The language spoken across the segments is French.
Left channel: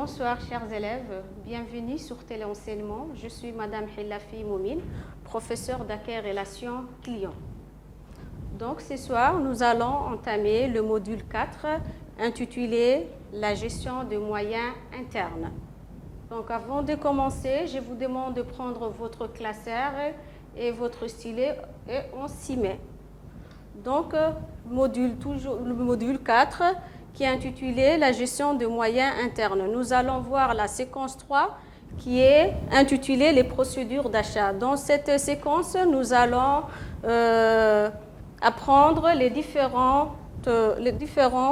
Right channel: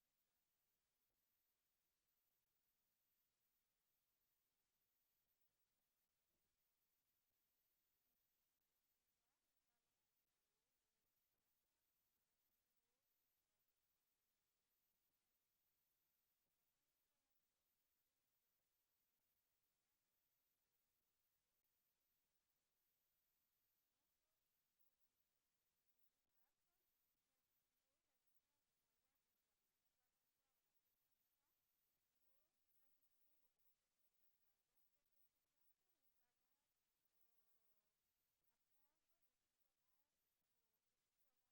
Bonsoir chers élèves, bienvenue sur Téléenseignement. Je suis Madame Hilafi Moumine, professeure d'accueil relations clients. Donc ce soir, nous allons entamer le module 4 intitulé La gestion des moyens internes. Donc avant de commencer, je vous demande de prendre votre classeur et votre stylet et on s'y met. Donc le module 4 qui est intitulé La gestion des moyens internes. Nous allons voir la séquence 3 qui est intitulée Les procédures d'achat. Dans cette séquence, nous allons apprendre les différents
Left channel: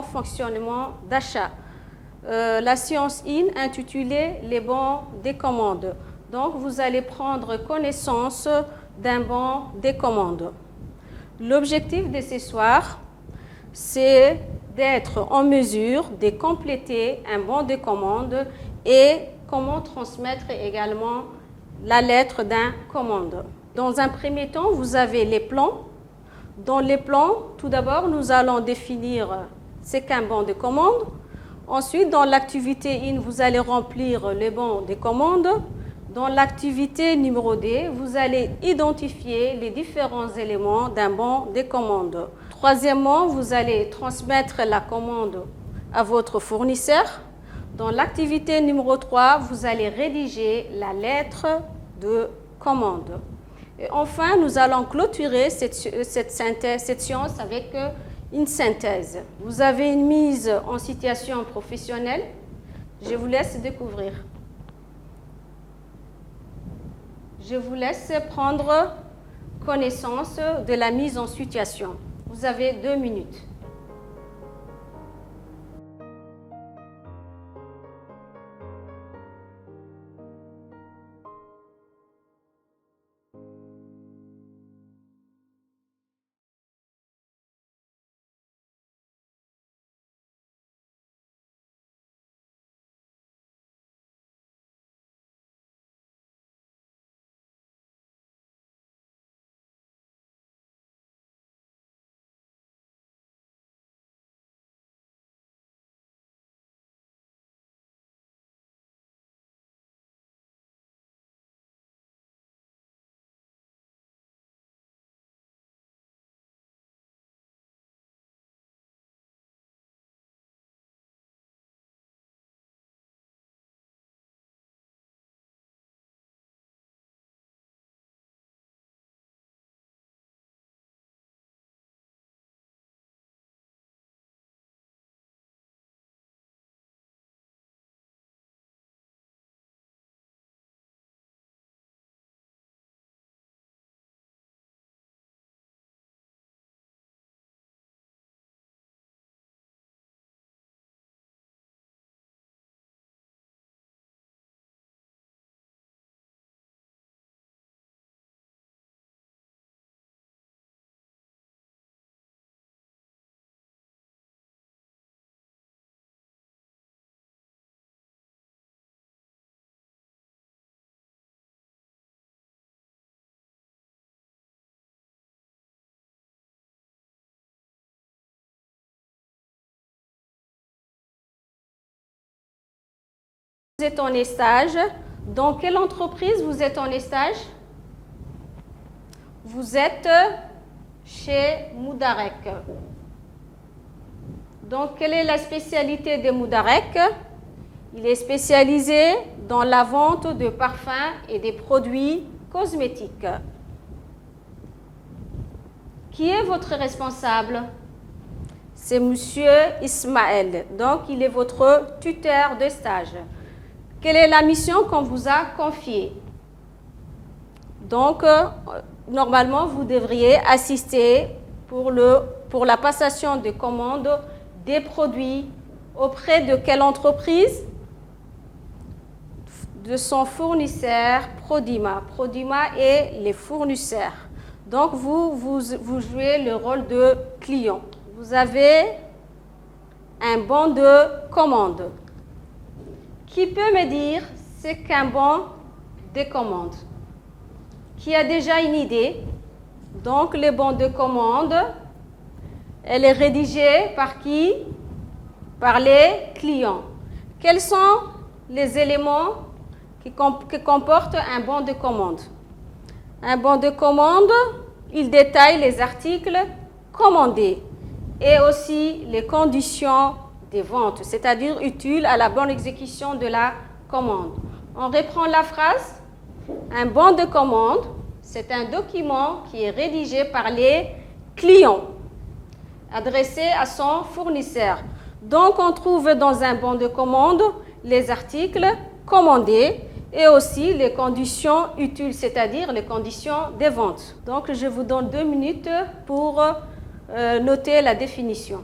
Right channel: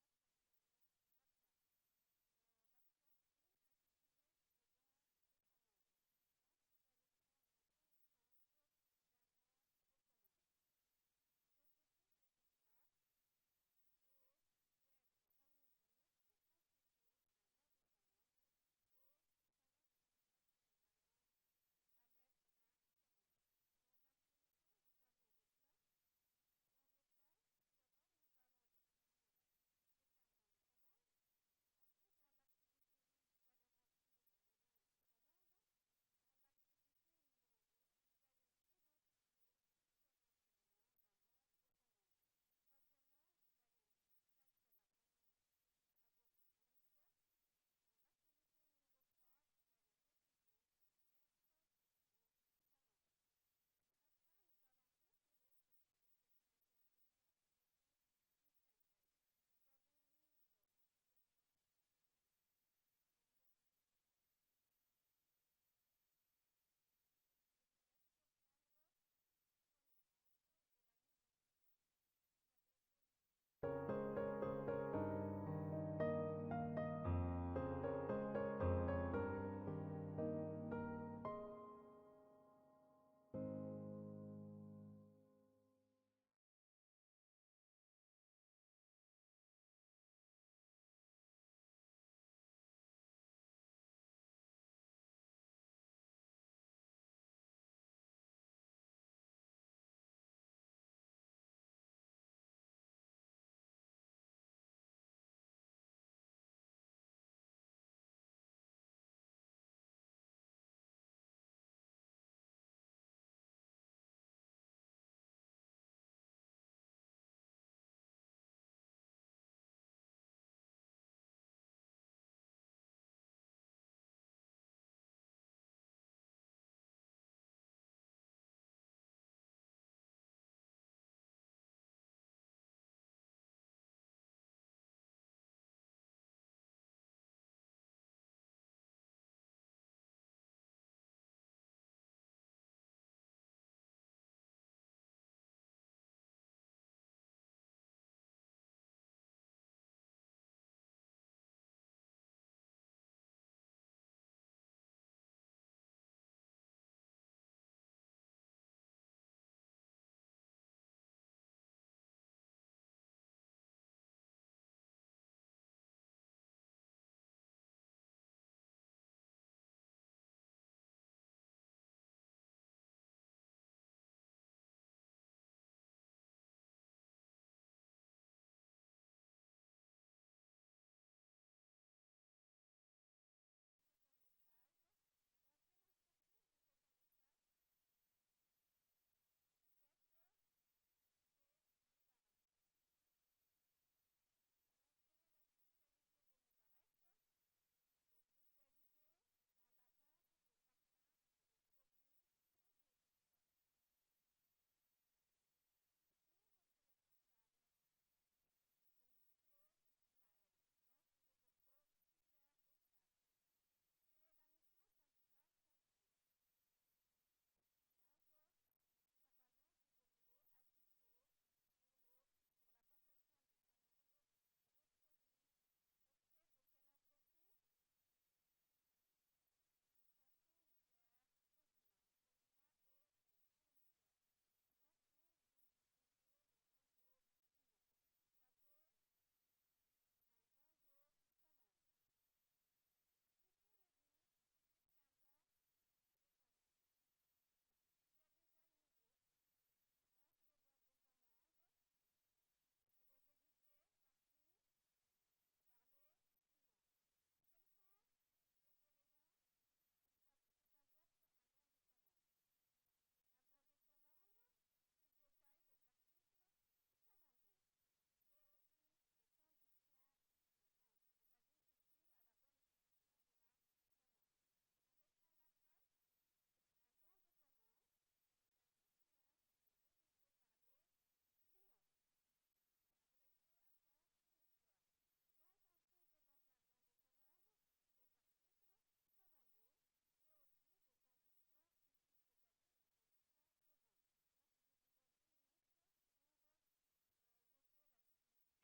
fonctionnements d'achat. La séance 1 intitulée Les bons des commandes. Donc, vous allez prendre connaissance d'un bon des commandes. L'objectif de ce soir, c'est d'être en mesure de compléter un bon de commande et comment transmettre également la lettre d'un commande. Dans un premier temps, vous avez les plans. Dans les plans, tout d'abord, nous allons définir ce qu'un bon de commande. Ensuite, dans l'activité 1, vous allez remplir le bon de commande. Dans l'activité numéro 2, vous allez identifier les différents éléments d'un bon de commande. Troisièmement, vous allez transmettre la commande à votre fournisseur. Dans l'activité numéro 3, vous allez rédiger la lettre de commande. Et enfin, nous allons clôturer cette séance avec une synthèse. Vous avez une mise en situation professionnelle. Je vous laisse découvrir. Je vous laisse prendre connaissance de la mise en situation. Vous avez 2 minutes. Vous êtes en stage. Dans quelle entreprise vous êtes en stage? Vous êtes chez Moudarek. Donc, quelle est la spécialité de Moudarek? Il est spécialisé dans la vente de parfums et des produits cosmétiques. Qui est votre responsable? C'est Monsieur Ismaël. Donc, il est votre tuteur de stage. Quelle est la mission qu'on vous a confiée? Donc, normalement, vous devriez assister pour la passation de commandes des produits auprès de quelle entreprise? De son fournisseur Prodima. Prodima est les fournisseurs. Donc, vous jouez le rôle de client. Vous avez un bon de commande. Qui peut me dire ce qu'un bon de commande? Qui a déjà une idée? Donc, le bon de commande, elle est rédigée par qui? Par les clients. Quels sont les éléments qui comportent un bon de commande. Un bon de commande, il détaille les articles commandés et aussi les conditions des ventes, c'est-à-dire utiles à la bonne exécution de la commande. On reprend la phrase. Un bon de commande, c'est un document qui est rédigé par les clients, adressé à son fournisseur. Donc, on trouve dans un bon de commande les articles commandés et aussi les conditions utiles, c'est-à-dire les conditions des ventes. Donc, je vous donne 2 minutes pour noter la définition.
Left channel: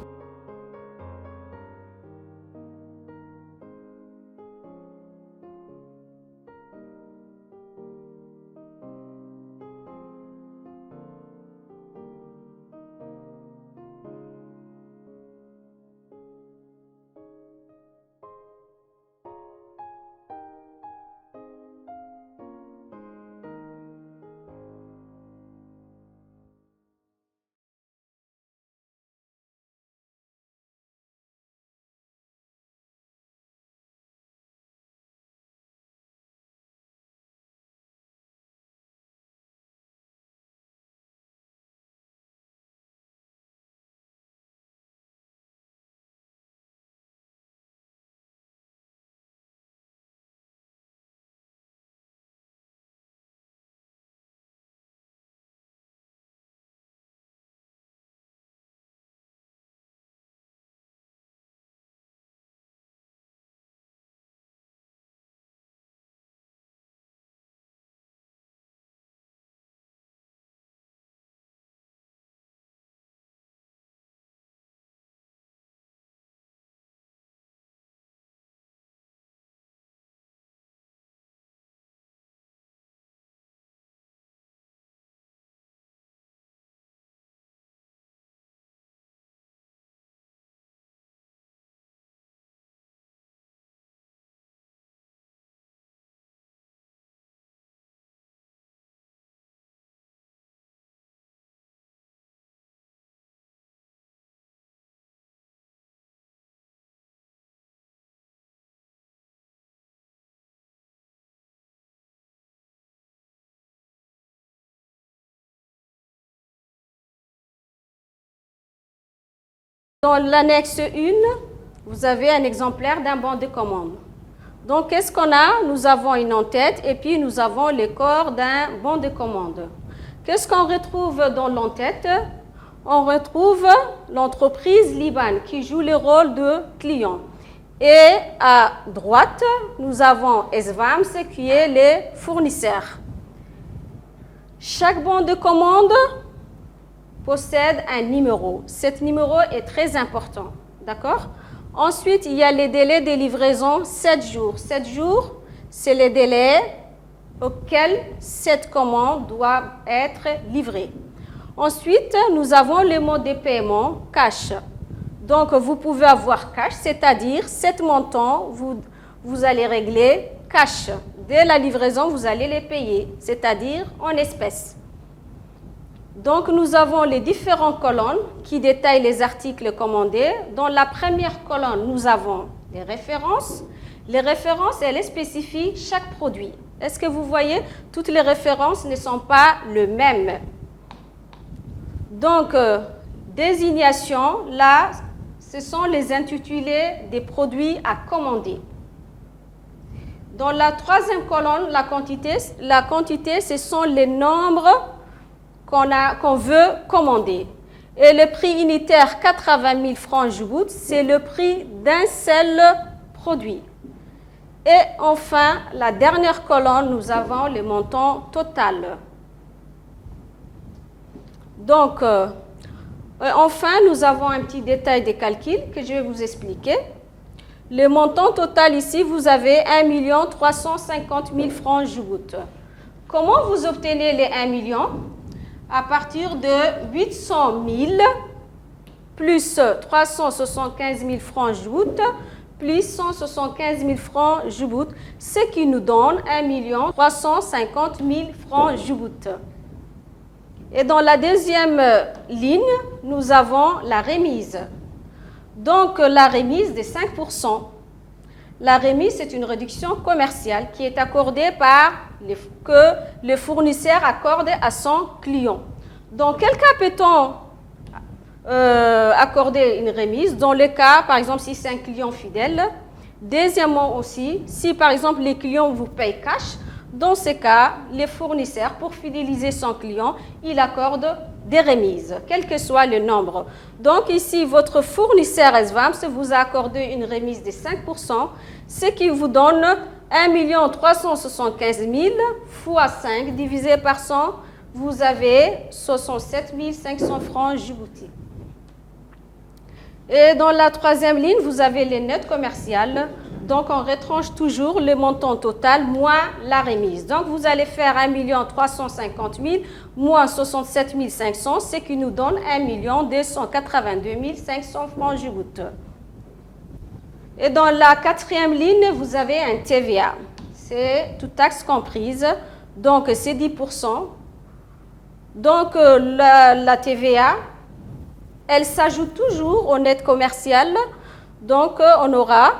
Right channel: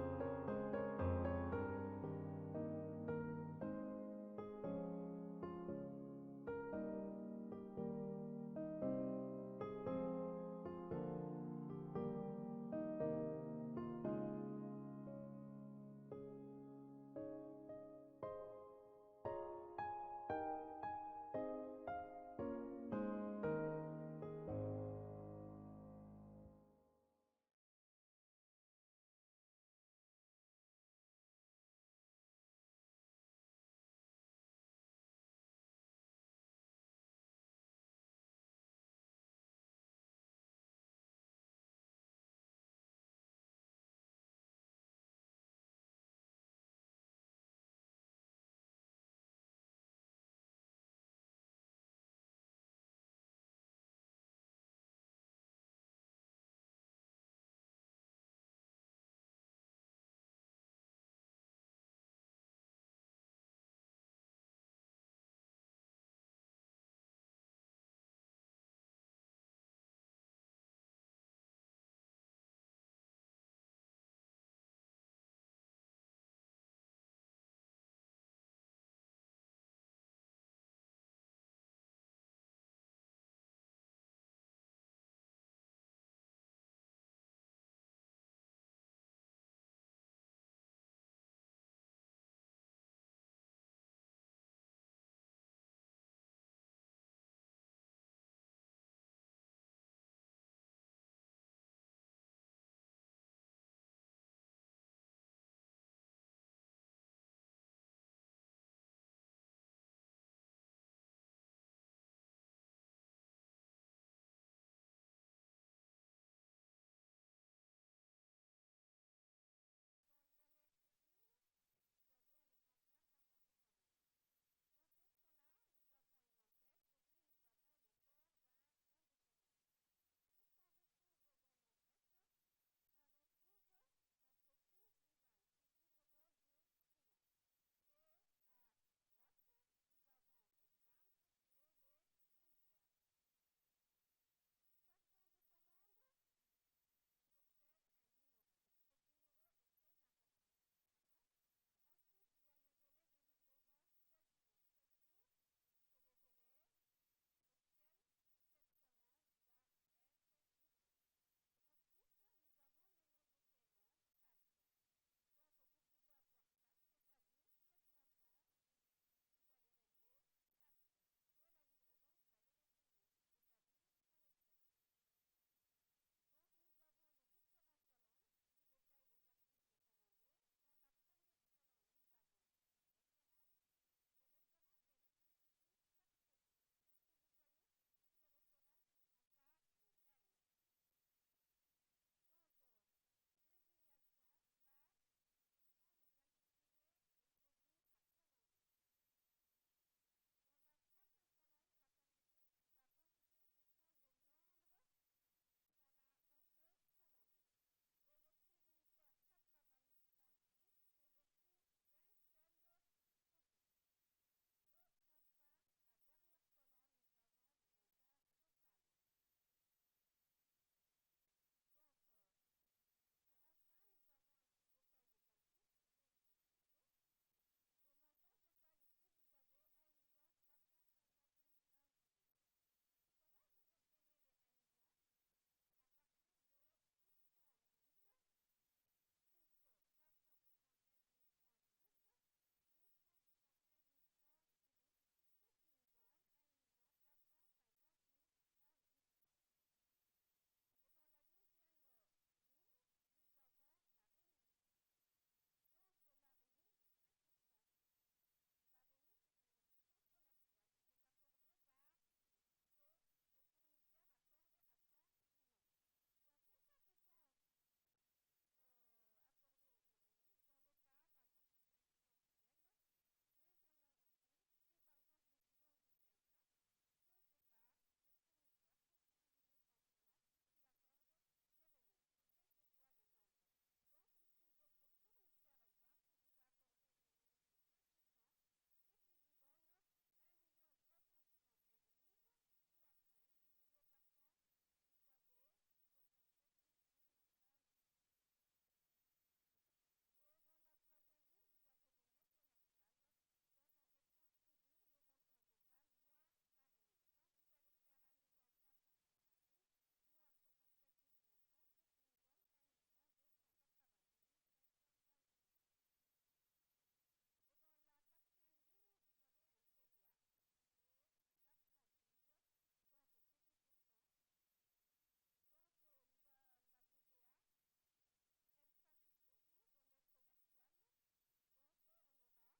Dans l'annexe 1, vous avez un exemplaire d'un bon de commande. Donc, qu'est-ce qu'on a? Nous avons une en-tête et puis nous avons les corps d'un bon de commande. Qu'est-ce qu'on retrouve dans l'en-tête? On retrouve l'entreprise Liban qui joue le rôle de client. Et à droite, nous avons Esvams qui est le fournisseur. Chaque bon de commande possède un numéro. Cet numéro est très important. D'accord? Ensuite, il y a les délais de livraison 7 jours. 7 jours, c'est les délais auxquels cette commande doit être livrée. Ensuite, nous avons le mode de paiement cash. Donc, vous pouvez avoir cash, c'est-à-dire 7 montants, vous allez régler cash. Dès la livraison, vous allez les payer, c'est-à-dire en espèces. Donc, nous avons les différentes colonnes qui détaillent les articles commandés. Dans la première colonne, nous avons les références. Les références, elles spécifient chaque produit. Est-ce que vous voyez? Toutes les références ne sont pas les mêmes. Donc, désignation, là, ce sont les intitulés des produits à commander. Dans la troisième colonne, la quantité, ce sont les nombres qu'on veut commander. Et le prix unitaire 80 000 francs Djibouti, c'est le prix d'un seul produit. Et enfin, la dernière colonne, nous avons le montant total. Donc, enfin, nous avons un petit détail des calculs que je vais vous expliquer. Le montant total ici, vous avez 1 350 000 francs Djibouti. Comment vous obtenez les 1 million? À partir de 800 000 plus 375 000 francs Djibouti plus 175 000 francs Djibouti, ce qui nous donne 1 350 000 francs Djibouti. Et dans la deuxième ligne, nous avons la remise. Donc, la remise de 5%. La remise, c'est une réduction commerciale qui est accordée que le fournisseur accorde à son client. Dans quel cas peut-on accorder une remise? Dans le cas, par exemple, si c'est un client fidèle. Deuxièmement aussi, si par exemple les clients vous payent cash, dans ce cas, les fournisseurs, pour fidéliser son client, il accorde des remises, quel que soit le nombre. Donc ici, votre fournisseur SVAMS vous a accordé une remise de 5%, ce qui vous donne 1 375 000 fois 5 divisé par 100, vous avez 67 500 francs Djibouti. Et dans la troisième ligne, vous avez les notes commerciales. Donc, on retranche toujours le montant total moins la remise. Donc, vous allez faire 1 350 000 moins 67 500, ce qui nous donne 1 282 500 francs Djibouti. Et dans la quatrième ligne, vous avez un TVA. C'est toute taxe comprise. Donc, c'est 10%. Donc, la TVA, elle s'ajoute toujours au net commercial. Donc, on aura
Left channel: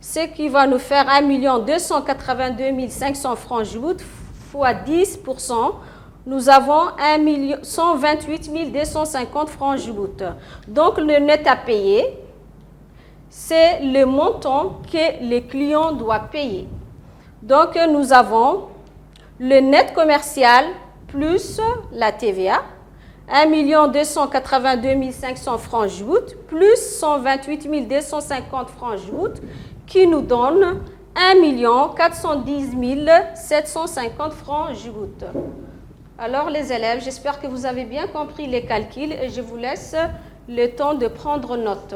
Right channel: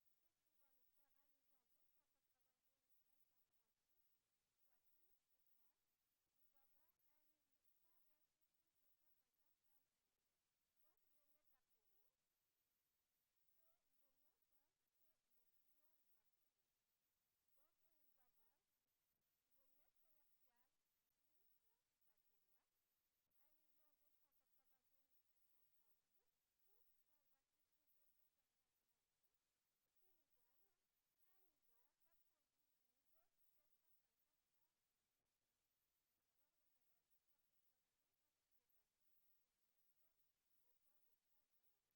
ce qui va nous faire 1 282 500 francs Djibouti fois 10%. Nous avons 128 250 francs Djibouti. Donc, le net à payer, c'est le montant que le client doit payer. Donc, nous avons le net commercial plus la TVA, 1 282 500 francs Djibouti plus 128 250 francs Djibouti qui nous donne 1 410 750 francs Djibouti. Alors les élèves, j'espère que vous avez bien compris les calculs et je vous laisse le temps de prendre note.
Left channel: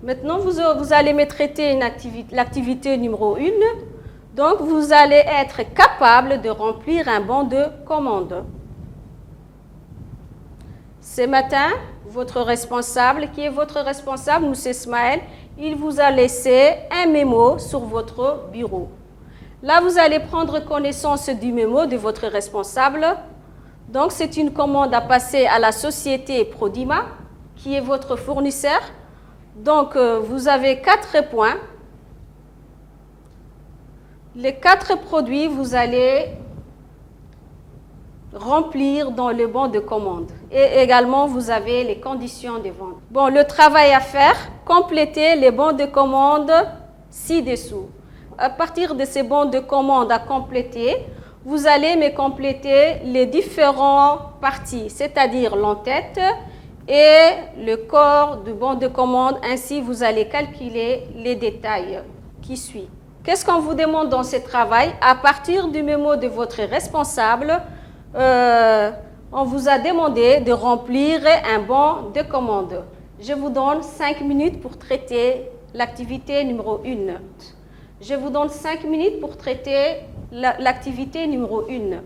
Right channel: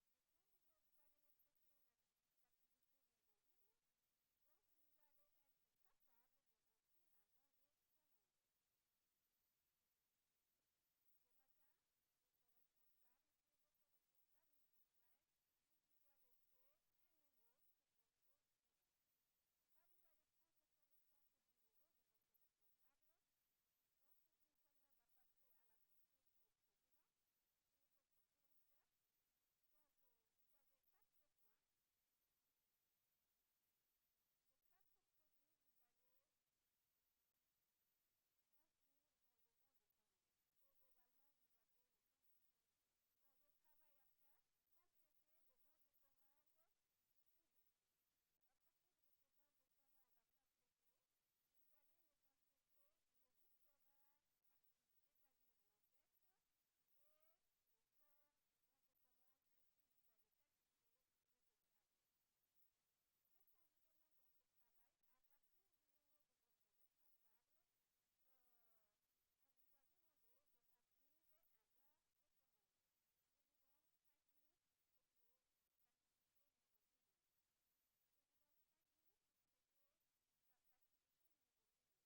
Maintenant, vous allez me traiter l'activité numéro 1. Donc, vous allez être capable de remplir un bon de commande. Ce matin, votre responsable, qui est votre responsable, M. Ismaël, il vous a laissé un mémo sur votre bureau. Là, vous allez prendre connaissance du mémo de votre responsable. Donc, c'est une commande à passer à la société Prodima, qui est votre fournisseur. Donc, vous avez 4 points. Les 4 produits, vous allez remplir dans le bon de commande. Et également, vous avez les conditions de vente. Bon, le travail à faire, compléter les bons de commande ci-dessous. À partir de ces bons de commande à compléter, vous allez me compléter les différentes parties, c'est-à-dire l'entête et le corps du bon de commande. Ainsi, vous allez calculer les détails qui suivent. Qu'est-ce qu'on vous demande dans ce travail? À partir du mémo de votre responsable, on vous a demandé de remplir un bon de commande. Je vous donne 5 minutes pour traiter l'activité numéro 1. Je vous donne 5 minutes pour traiter l'activité numéro 1.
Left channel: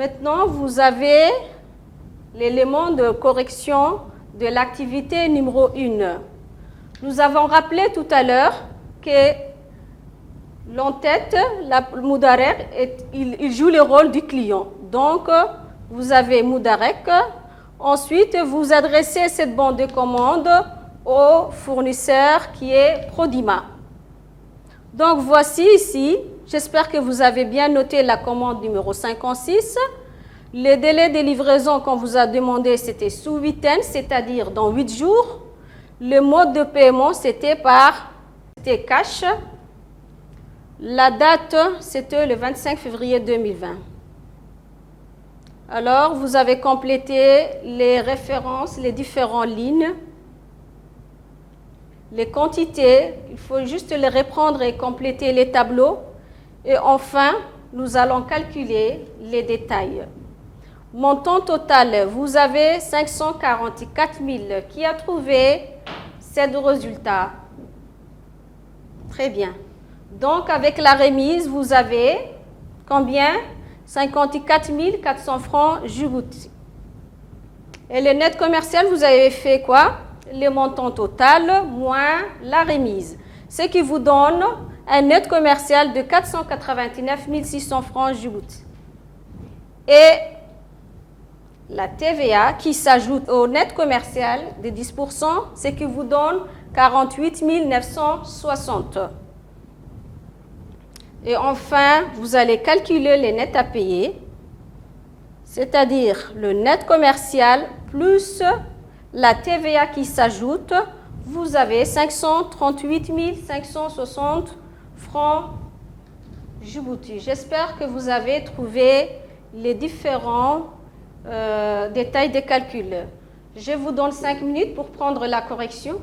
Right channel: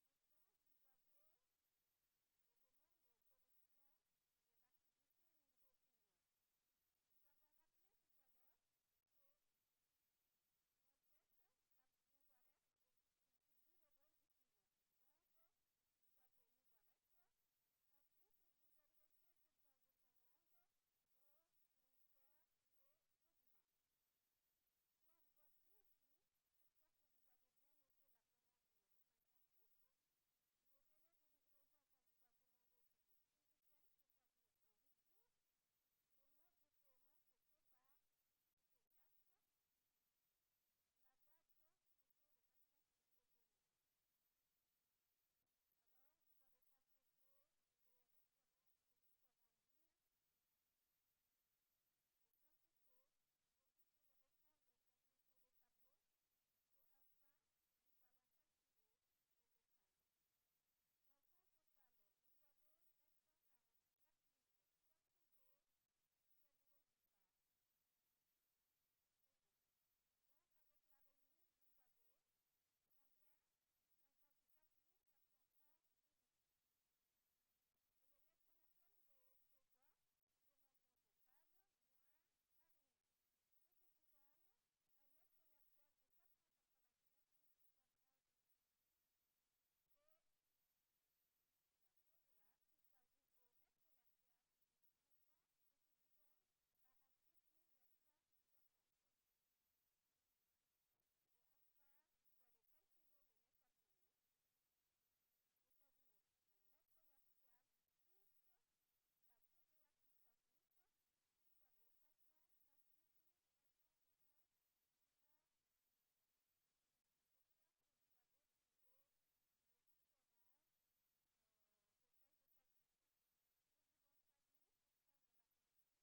Maintenant, vous avez l'élément de correction de l'activité numéro 1. Nous avons rappelé tout à l'heure que l'entête, le Moudarek, il joue le rôle du client. Donc, vous avez Moudarek. Ensuite, vous adressez cette bande de commande au fournisseur qui est Prodima. Donc, voici ici, j'espère que vous avez bien noté la commande numéro 56. Le délai de livraison qu'on vous a demandé, c'était sous 8 ans, c'est-à-dire dans 8 jours. Le mode de paiement, c'était cash. La date, c'était le 25 février 2020. Alors, vous avez complété les références, les différentes lignes, les quantités. Il faut juste les reprendre et compléter les tableaux. Et enfin, nous allons calculer les détails. Montant total, vous avez 544 000. Qui a trouvé ces deux résultats? Très bien. Donc, avec la remise, vous avez combien? 54 400 francs Djibouti. Et le net commercial, vous avez fait quoi? Le montant total moins la remise. Ce qui vous donne un net commercial de 499 600 francs Djibouti. Et la TVA qui s'ajoute au net commercial de 10%, ce qui vous donne 48 960. Et enfin, vous allez calculer les nets à payer, c'est-à-dire le net commercial plus la TVA qui s'ajoute. Vous avez 538 560 francs Djibouti. J'espère que vous avez trouvé les différents détails des calculs. Je vous donne 5 minutes pour prendre la correction.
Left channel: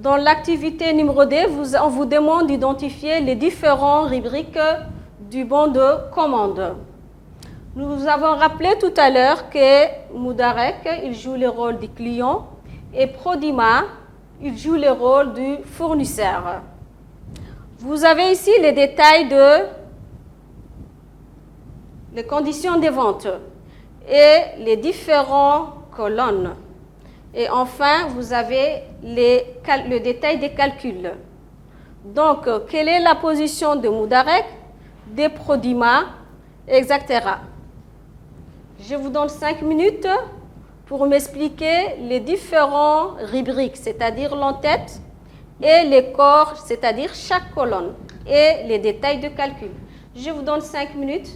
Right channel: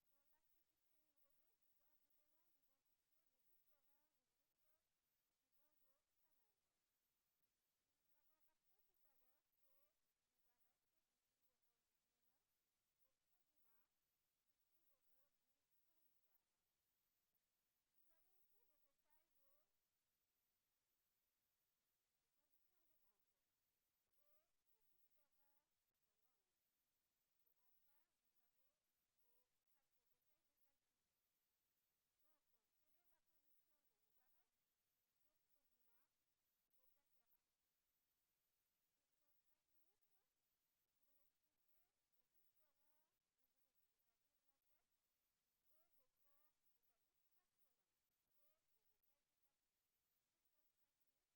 Dans l'activité numéro 2, on vous demande d'identifier les différentes rubriques du bon de commande. Nous avons rappelé tout à l'heure que Moudarek, il joue le rôle du client et Prodima, il joue le rôle du fournisseur. Vous avez ici les détails les conditions de vente et les différentes colonnes. Et enfin, vous avez le détail des calculs. Donc, quelle est la position de Moudarek, de Prodima, etc. Je vous donne 5 minutes pour m'expliquer les différentes rubriques, c'est-à-dire l'entête, et les corps, c'est-à-dire chaque colonne, et les détails de calcul. Je vous donne 5 minutes.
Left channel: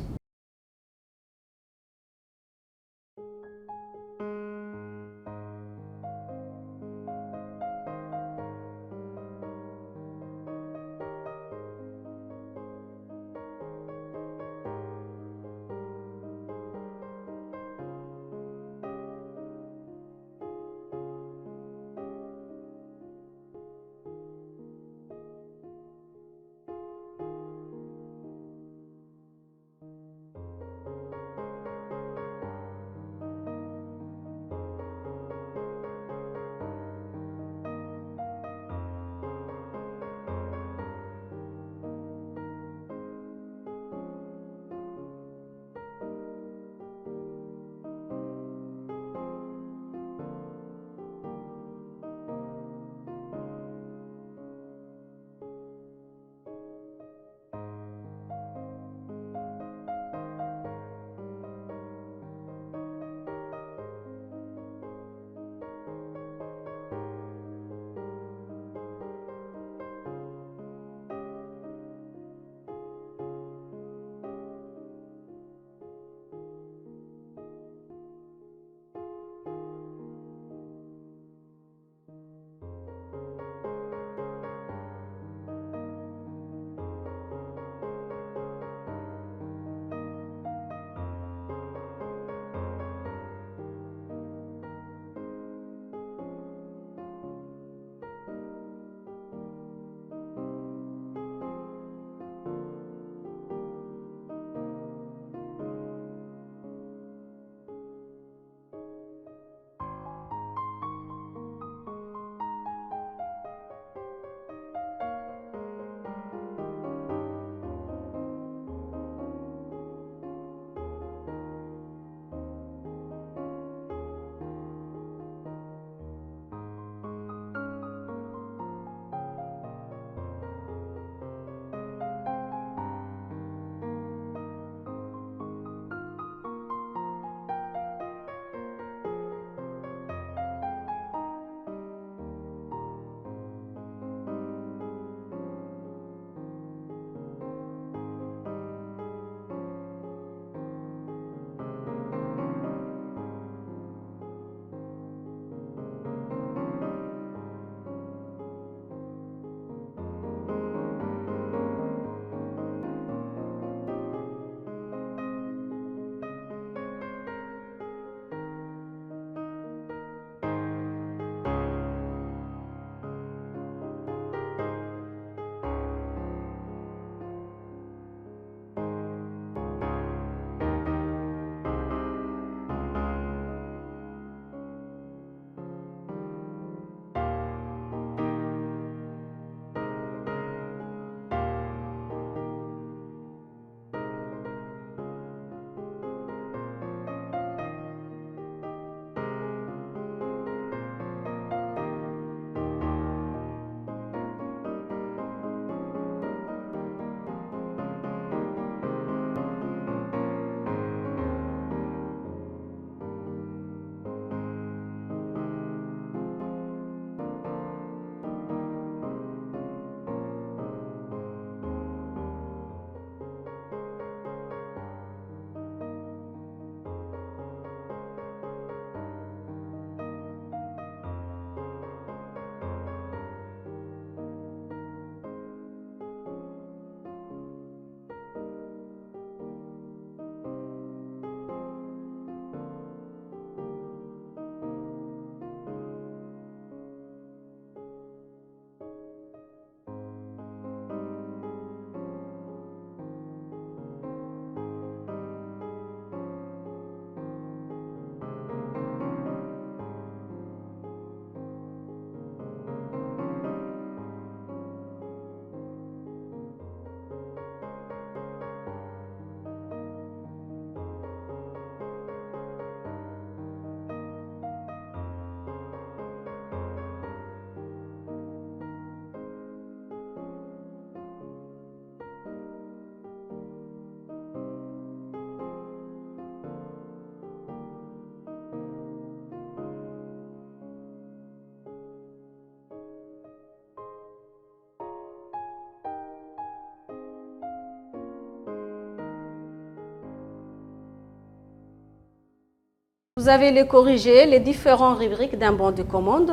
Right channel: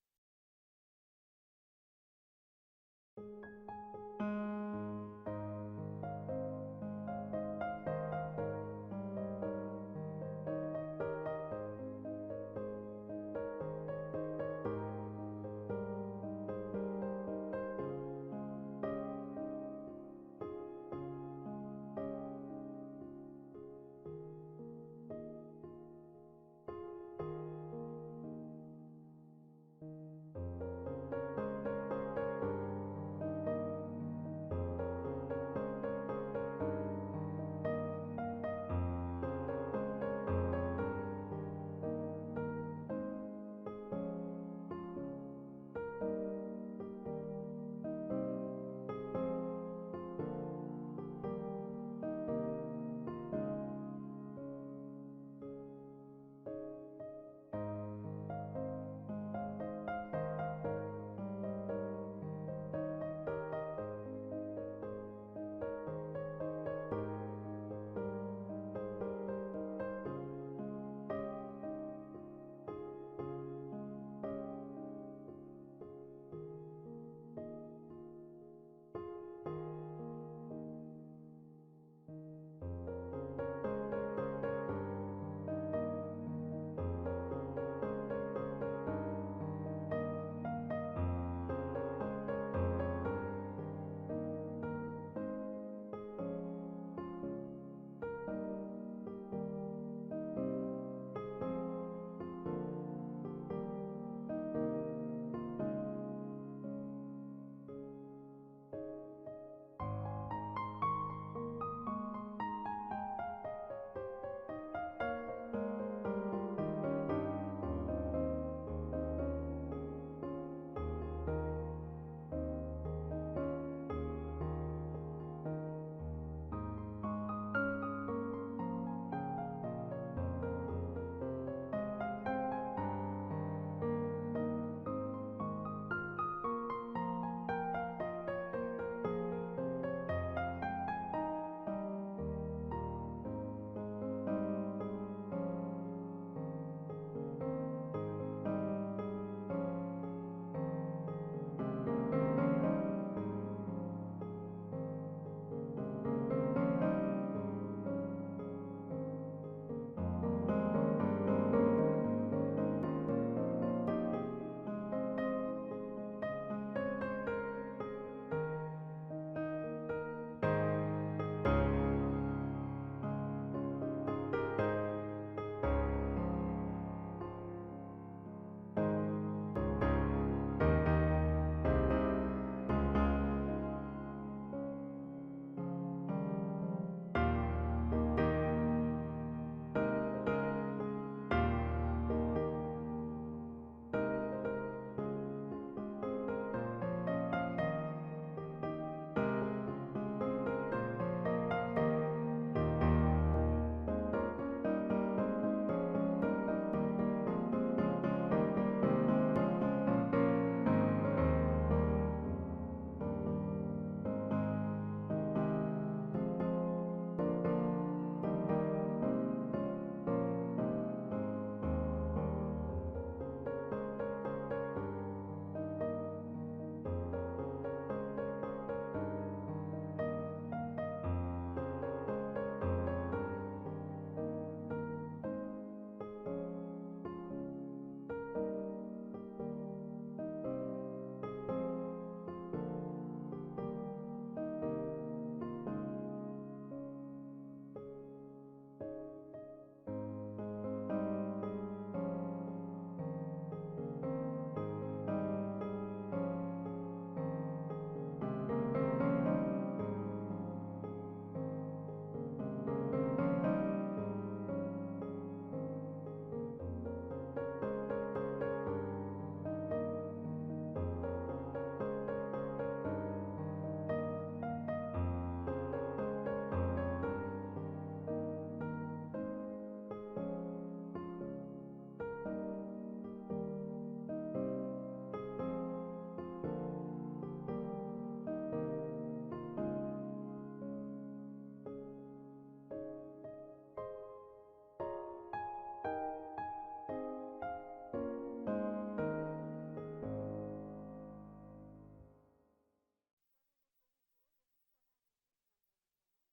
Vous avez les corrigés, les différentes rubriques d'un bon de commande.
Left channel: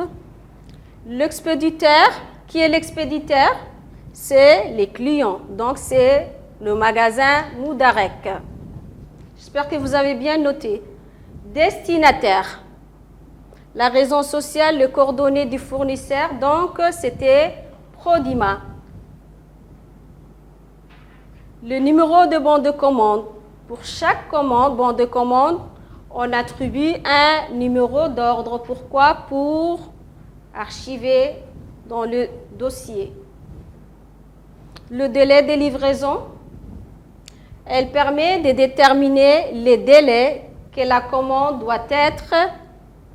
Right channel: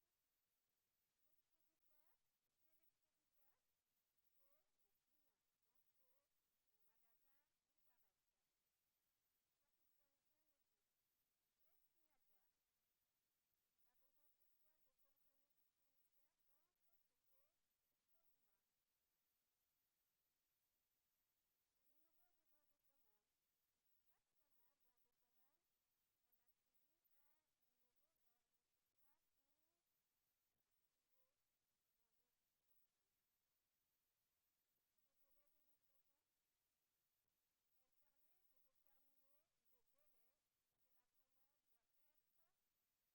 L'expéditeur, qui est l'expéditeur? C'est les clients. Donc, c'est le magasin Moudarek. J'espère que vous avez bien noté. Destinataire. La raison sociale, les coordonnées du fournisseur. Donc, c'était Prodima. Le numéro de bon de commande. Pour chaque commande, bon de commande, on attribue un numéro d'ordre. Pourquoi? Pour archiver dans le dossier. Le délai de livraison, elle permet de déterminer les délais que la commande doit être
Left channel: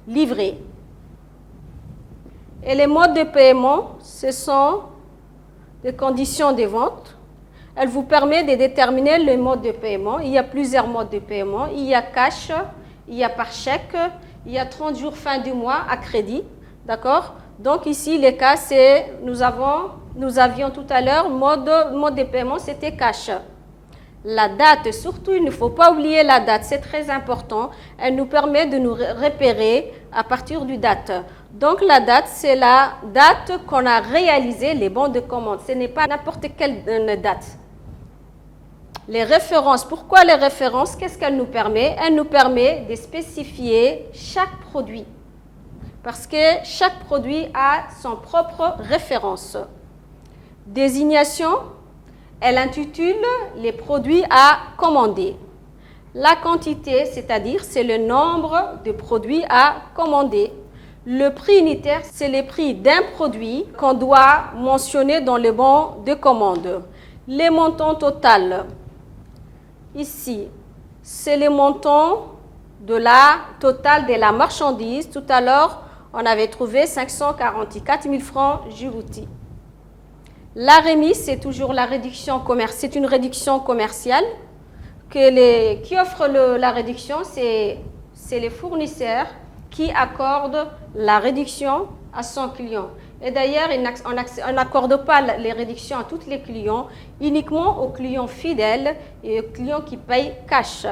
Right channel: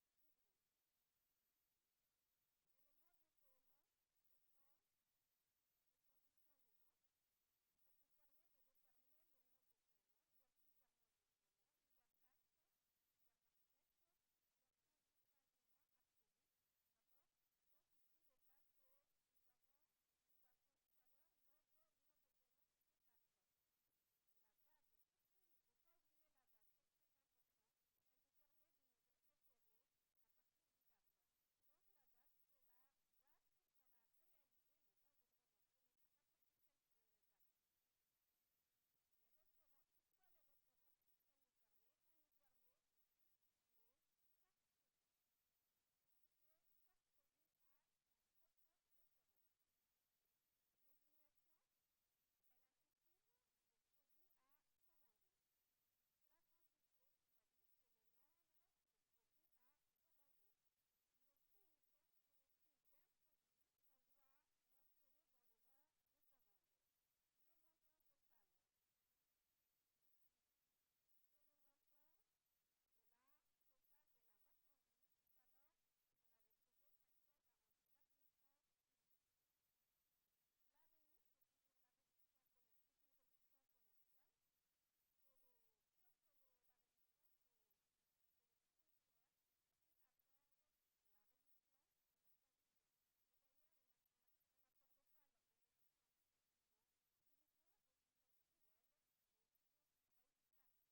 livrée. Et les modes de paiement, ce sont des conditions de vente. Elle vous permet de déterminer le mode de paiement. Il y a plusieurs modes de paiement. Il y a cash, il y a par chèque, il y a 30 jours fin du mois à crédit. D'accord? Donc ici, les cas, c'est, nous avions tout à l'heure, mode de paiement, c'était cash. La date, surtout, il ne faut pas oublier la date, c'est très important. Elle nous permet de nous repérer à partir du date. Donc la date, c'est la date qu'on a réalisé les bons de commande. Ce n'est pas n'importe quelle date. Les références, pourquoi les références? Qu'est-ce qu'elle nous permet? Elle nous permet de spécifier chaque produit. Parce que chaque produit a son propre référence. Désignation, elle intitule les produits à commander. La quantité, c'est-à-dire, c'est le nombre de produits à commander. Le prix unitaire, c'est le prix d'un produit qu'on doit mentionner dans le bon de commande. Les montants total, ici, c'est le montant de la totale de la marchandise. Tout à l'heure, on avait trouvé 544 000 francs Djibouti. La remise, c'est toujours la réduction commerciale. C'est une réduction commerciale qui offre la réduction, c'est les fournisseurs qui accordent la réduction à son client. Et d'ailleurs, on n'accorde pas les réductions à tous les clients, uniquement aux clients fidèles et aux clients qui payent cash.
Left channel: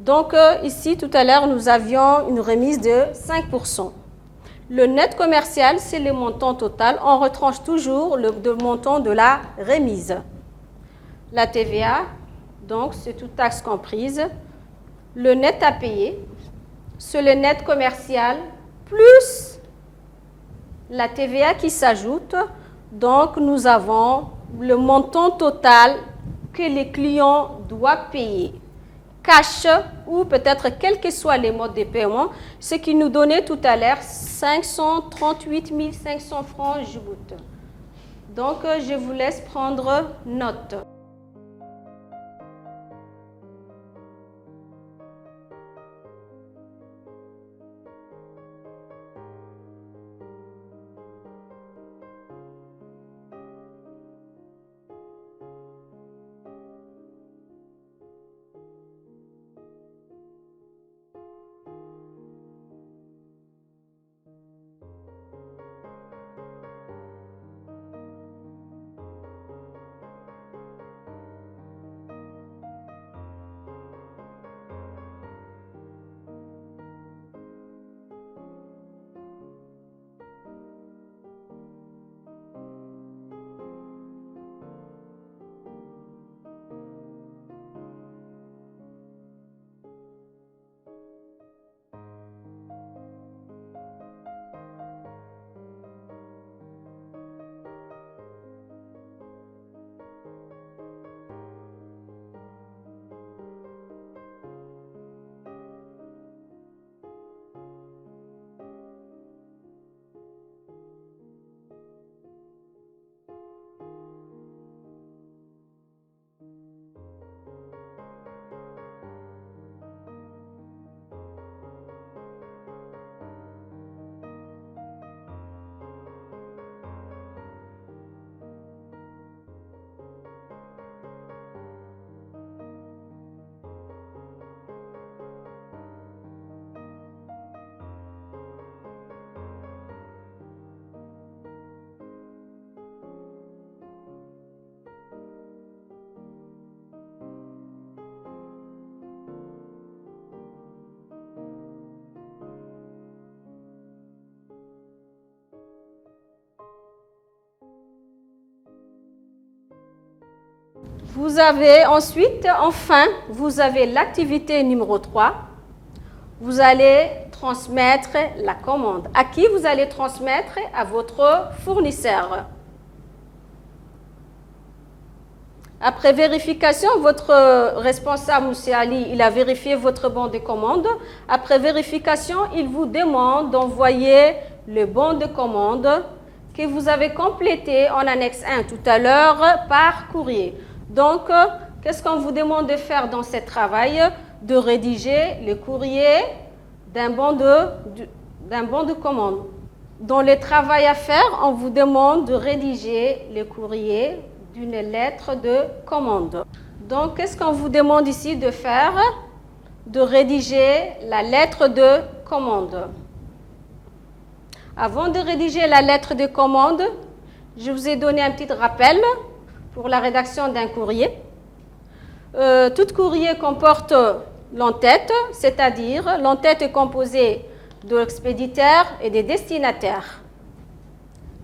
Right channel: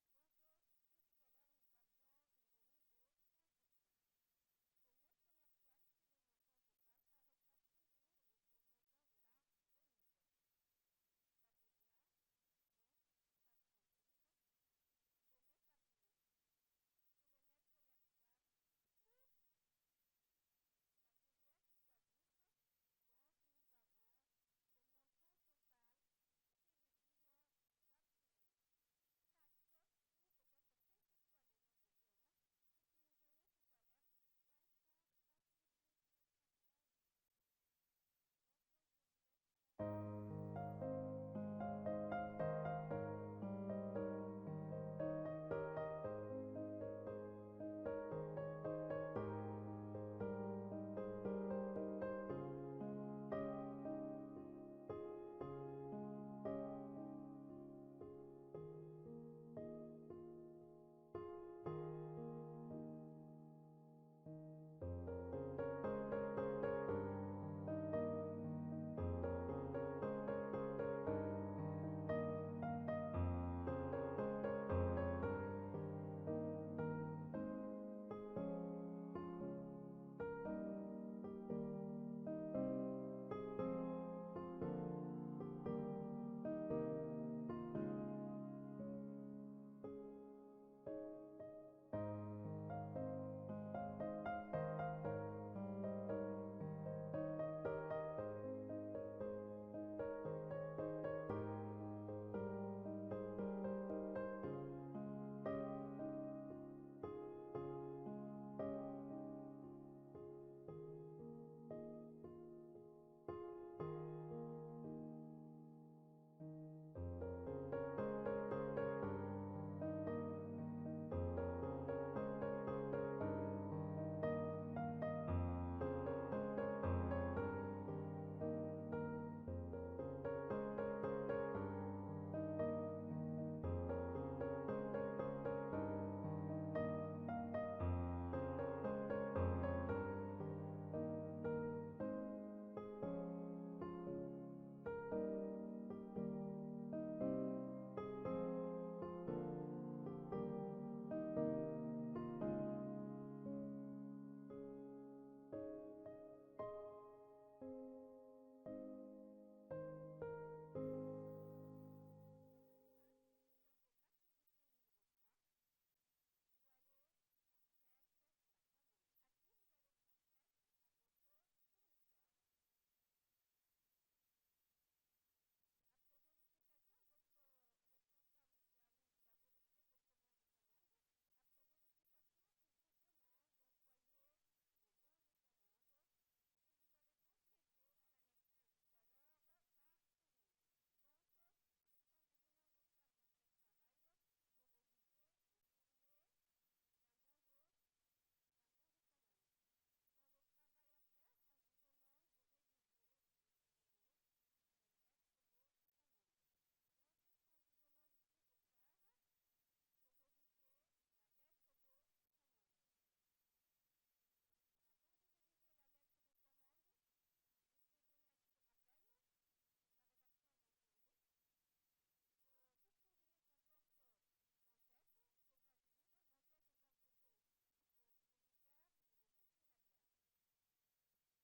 Donc ici, tout à l'heure, nous avions une remise de 5%. Le net commercial, c'est le montant total. On retranche toujours le montant de la remise. La TVA, donc c'est toute taxe comprise. Le net à payer, c'est le net commercial plus la TVA qui s'ajoute. Donc nous avons le montant total que les clients doivent payer. Cash ou peut-être quels que soient les modes de paiement, ce qui nous donnait tout à l'heure 538 500 francs Djibouti. Donc, je vous laisse prendre note. Vous avez ensuite, enfin, vous avez l'activité numéro 3. Vous allez transmettre la commande. À qui vous allez transmettre? À votre fournisseur. Après vérification, votre responsable, M. Ali, il a vérifié votre bon de commande. Après vérification, il vous demande d'envoyer le bon de commande que vous avez complété en annexe 1 tout à l'heure par courrier. Donc, qu'est-ce qu'on vous demande de faire dans ce travail? De rédiger le courrier d'un bon de commande. Dans le travail à faire, on vous demande de rédiger le courrier d'une lettre de commande. Donc, qu'est-ce qu'on vous demande ici de faire? De rédiger la lettre de commande. Avant de rédiger la lettre de commande, je vous ai donné un petit rappel pour la rédaction d'un courrier. Tout courrier comporte l'entête, c'est-à-dire l'entête est composée de l'expéditeur et des destinataires.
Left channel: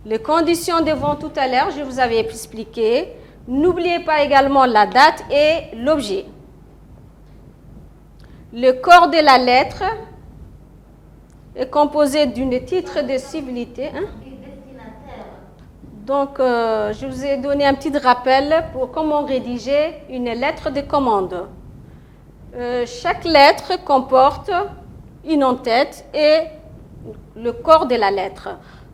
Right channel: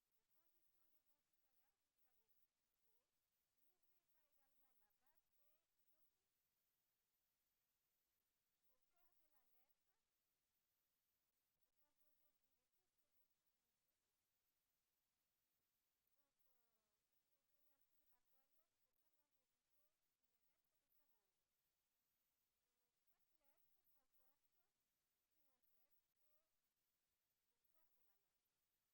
Les conditions de vente tout à l'heure, je vous avais expliqué. N'oubliez pas également la date et l'objet. Le corps de la lettre est composé d'un titre de civilité. Hein? Donc, je vous ai donné un petit rappel pour comment rédiger une lettre de commande. Chaque lettre comporte une en-tête et le corps de la lettre.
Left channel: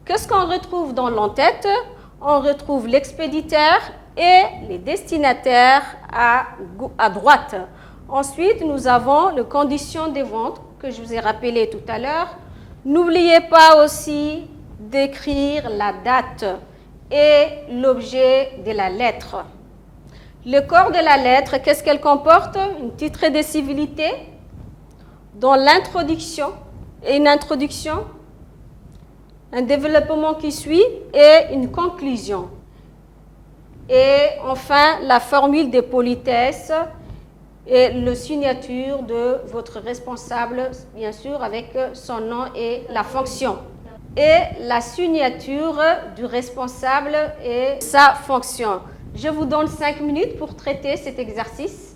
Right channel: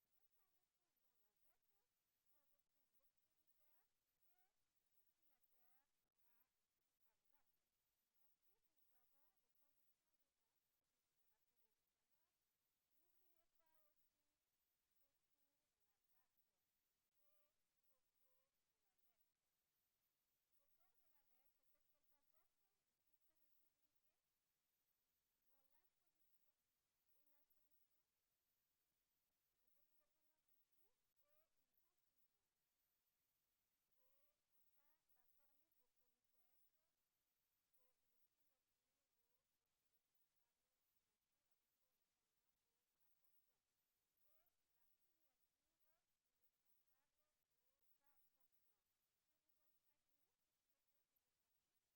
Qu'est-ce qu'on retrouve dans l'en-tête? On retrouve l'expéditeur et les destinataires à droite. Ensuite, nous avons les conditions de vente que je vous ai rappelées tout à l'heure. N'oubliez pas aussi d'écrire la date et l'objet de la lettre. Le corps de la lettre, qu'est-ce qu'elle comporte? Un titre de civilité, dans l'introduction et une introduction, un développement qui suit et une conclusion. Et enfin, la formule de politesse et la signature de votre responsable, bien sûr, avec son nom et la fonction. Et la signature du responsable et sa fonction. Je vous donne 5 minutes pour traiter cet exercice.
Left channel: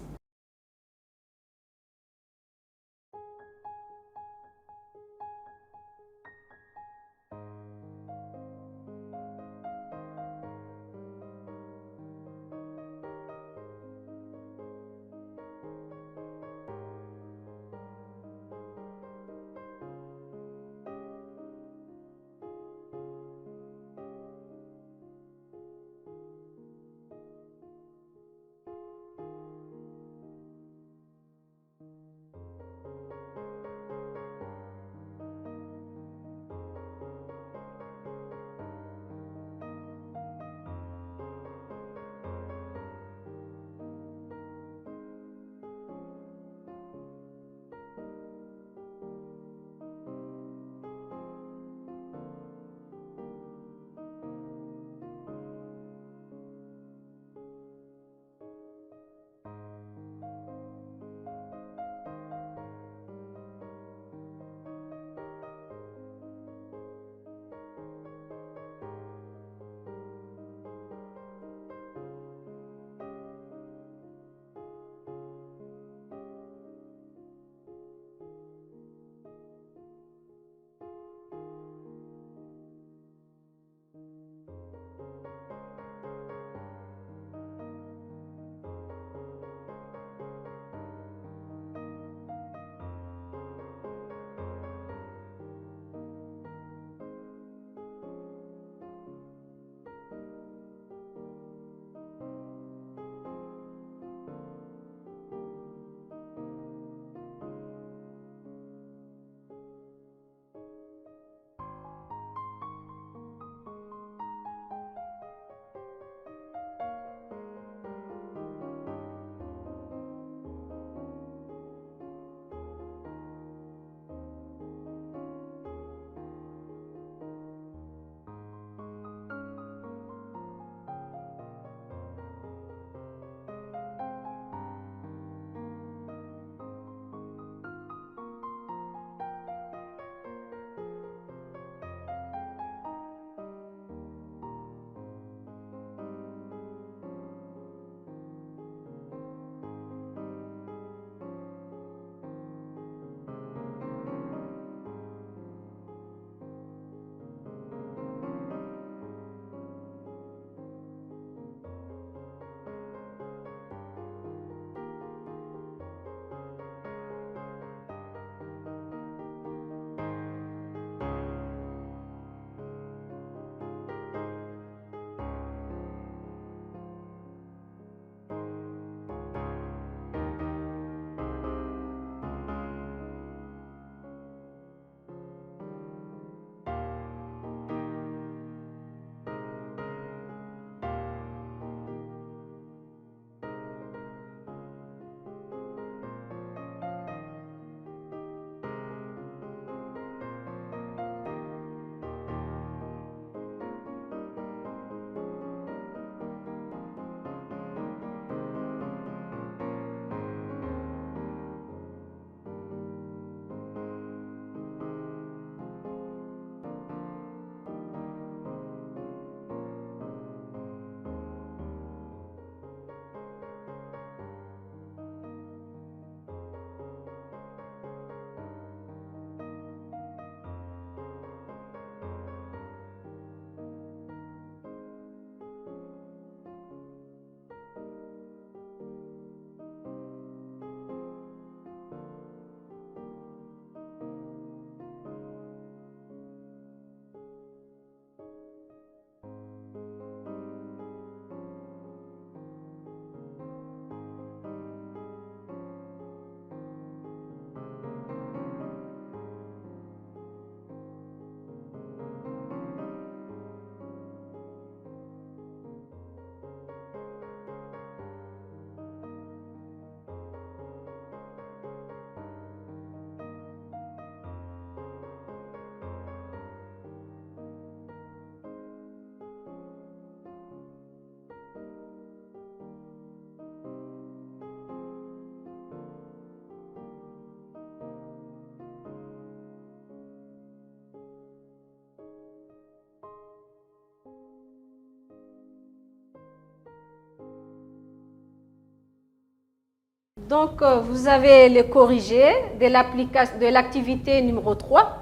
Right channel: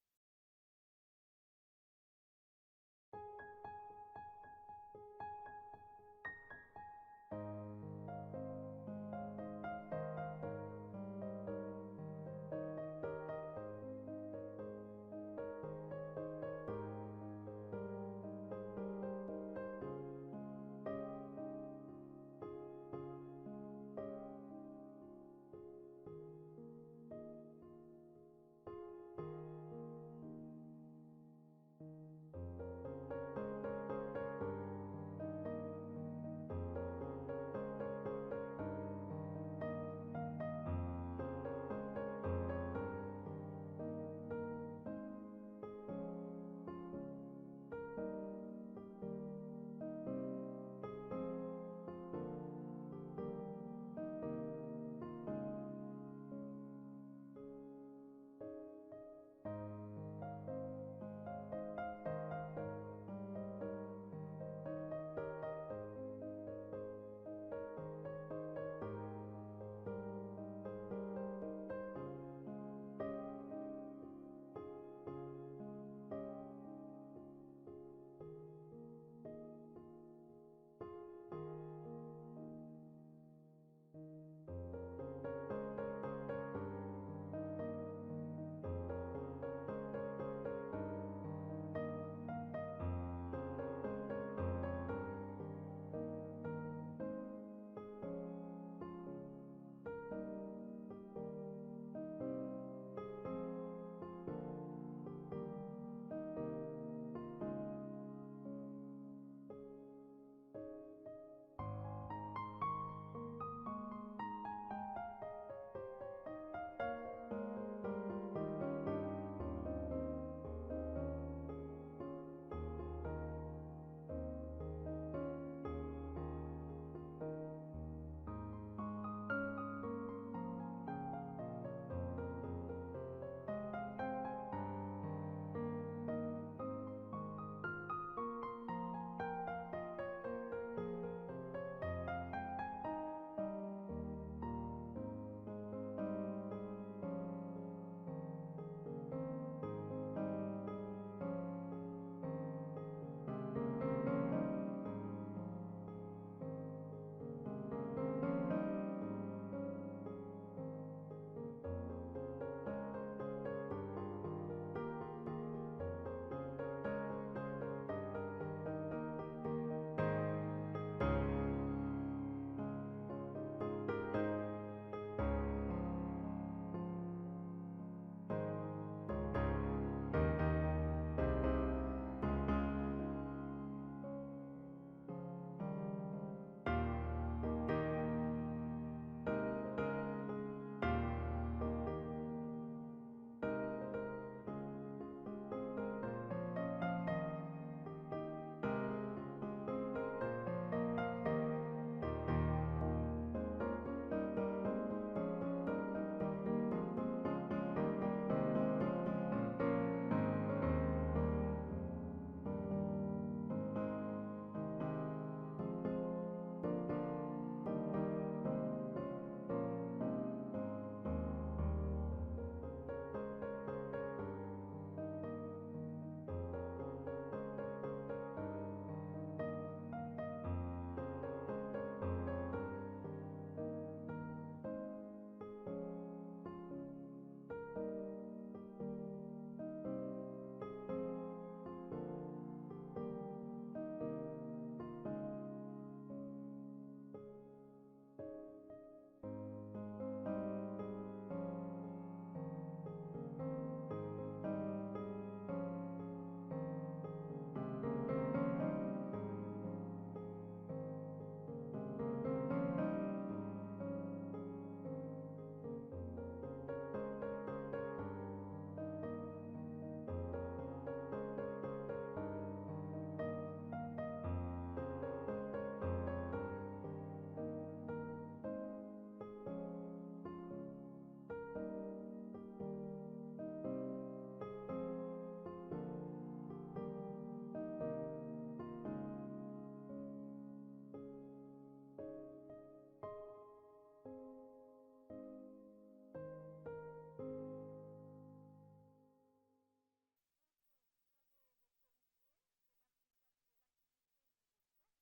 Donc, vous avez le corrigé de l'activité numéro 3.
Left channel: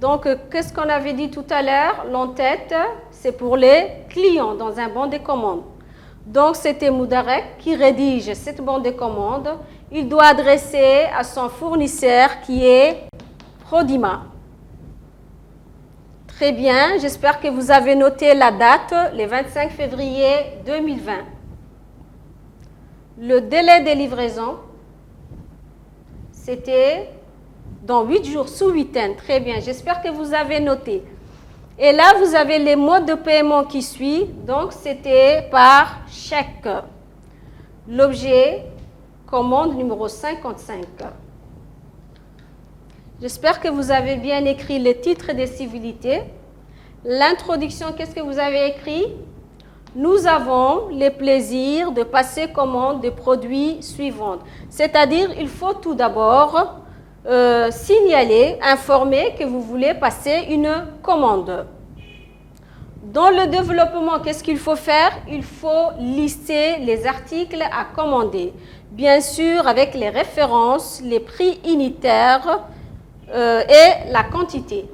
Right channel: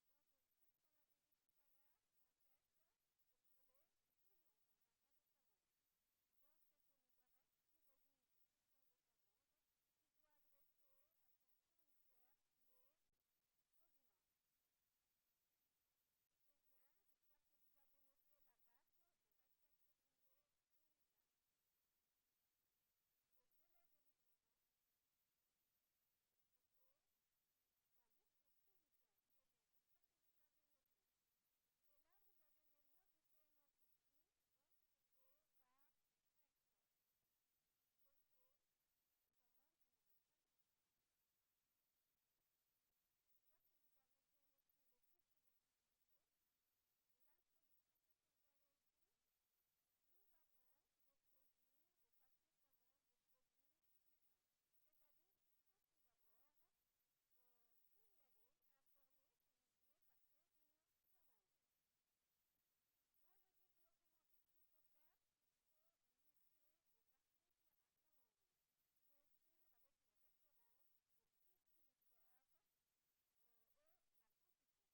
Donc, qu'est-ce qu'on avait dit tout à l'heure? L'en-tête, c'est pour les clients dans un bon de commande. Donc, c'était Moudarek qui rédige cette bon de commande. Il doit adresser à son fournisseur qui est Prodima. Très bien, j'espère que vous avez noté la date, le 25 février 2020. Le délai de livraison, c'était dans 8 jours, sous 8 ans. Très bien, j'espère que vous avez noté. Et là, vous avez les modes de paiement qui suivent. Donc, c'était par chèque. L'objet, commande numéro 55. J'espère que vous avez bien écrit le titre des civilités. L'introduction, qu'est-ce que vous avez écrit? Nous avons le plaisir de passer commande des produits suivants. C'est-à-dire, il faut tout d'abord signaler, informer que vous voulez passer une commande. Dans le développement, qu'est-ce qu'il faut faire? Il faut lister les articles à commander. Bien sûr, avec les références, les prix unitaires et la quantité.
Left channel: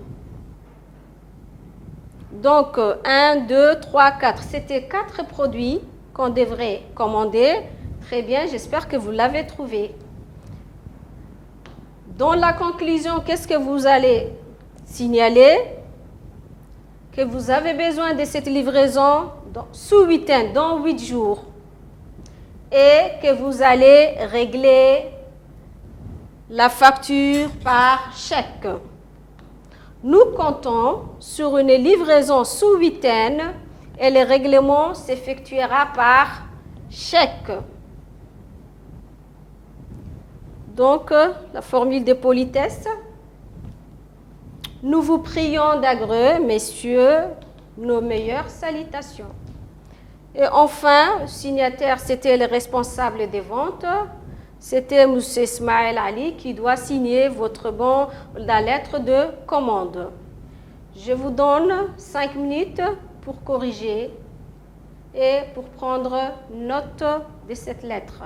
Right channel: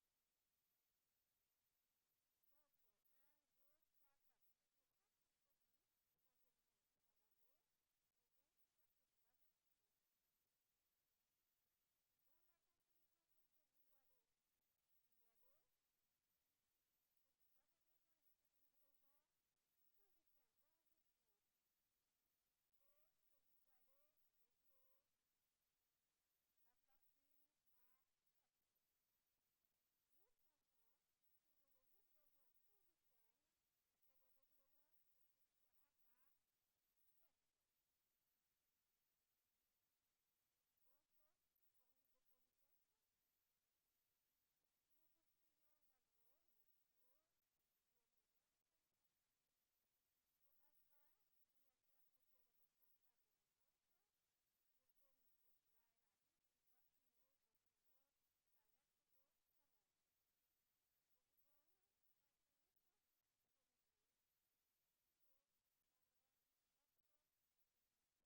Donc, 1, 2, 3, 4. C'était 4 produits qu'on devrait commander. Très bien, j'espère que vous l'avez trouvé. Dans la conclusion, qu'est-ce que vous allez signaler? Que vous avez besoin de cette livraison sous 8 ans, dans 8 jours. Et que vous allez régler la facture par chèque. Nous comptons sur une livraison sous 8 ans et le règlement s'effectuera par chèque. Donc, la formule de politesse. Nous vous prions d'agreux, messieurs, nos meilleures salutations. Et enfin, le signataire, c'était le responsable des ventes. C'était M. Ismaël Ali qui doit signer votre bon, la lettre de commande. Je vous donne 5 minutes pour corriger et pour prendre note de cette lettre.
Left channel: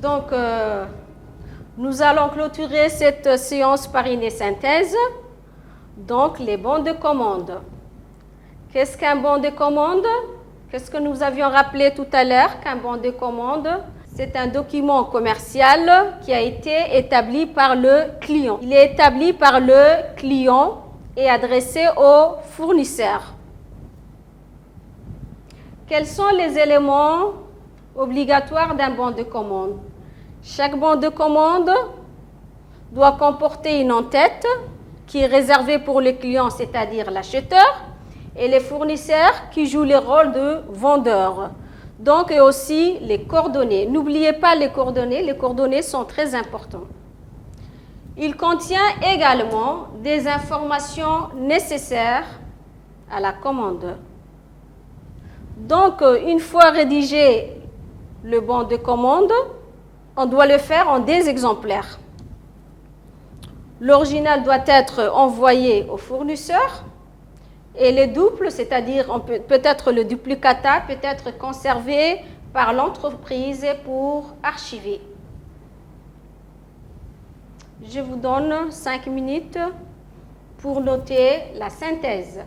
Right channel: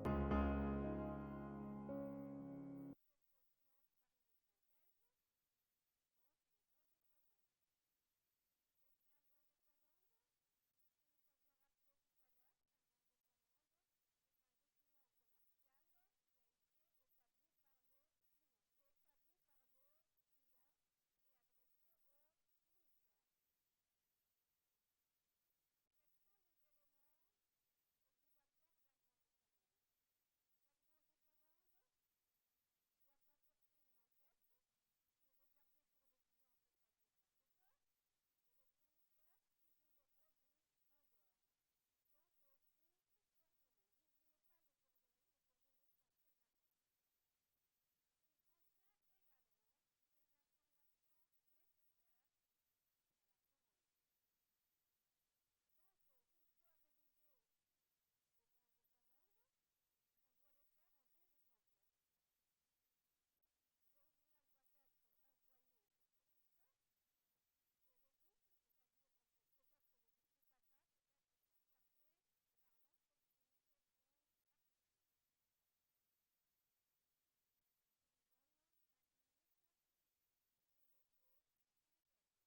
Donc, nous allons clôturer cette séance par une synthèse. Donc, les bons de commande. Qu'est-ce qu'un bon de commande? Qu'est-ce que nous avions rappelé tout à l'heure qu'un bon de commande? C'est un document commercial qui a été établi par le client. Il est établi par le client et adressé au fournisseur. Quels sont les éléments obligatoires d'un bon de commande? Chaque bon de commande doit comporter une en-tête qui est réservée pour le client, c'est-à-dire l'acheteur, et les fournisseurs qui jouent le rôle de vendeurs. Donc, et aussi les coordonnées. N'oubliez pas les coordonnées sont très importantes. Il contient également des informations nécessaires à la commande. Donc, une fois rédigé le bon de commande, on doit le faire en des exemplaires. L'original doit être envoyé au fournisseur et les duples, c'est-à-dire peut-être le duplicata, peut être conservé par l'entreprise pour archiver. Je vous donne 5 minutes pour noter la synthèse.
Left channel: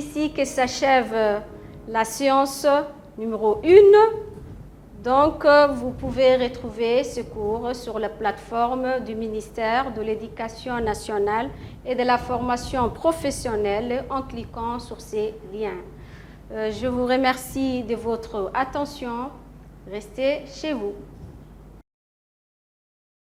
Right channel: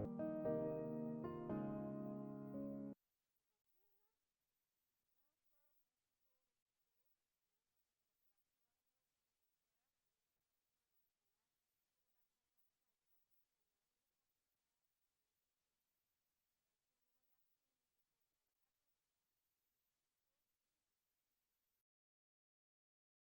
ici que s'achève la séance numéro 1. Donc, vous pouvez retrouver ce cours sur la plateforme du ministère de l'Éducation nationale et de la formation professionnelle en cliquant sur ces liens. Je vous remercie de votre attention. Restez chez vous.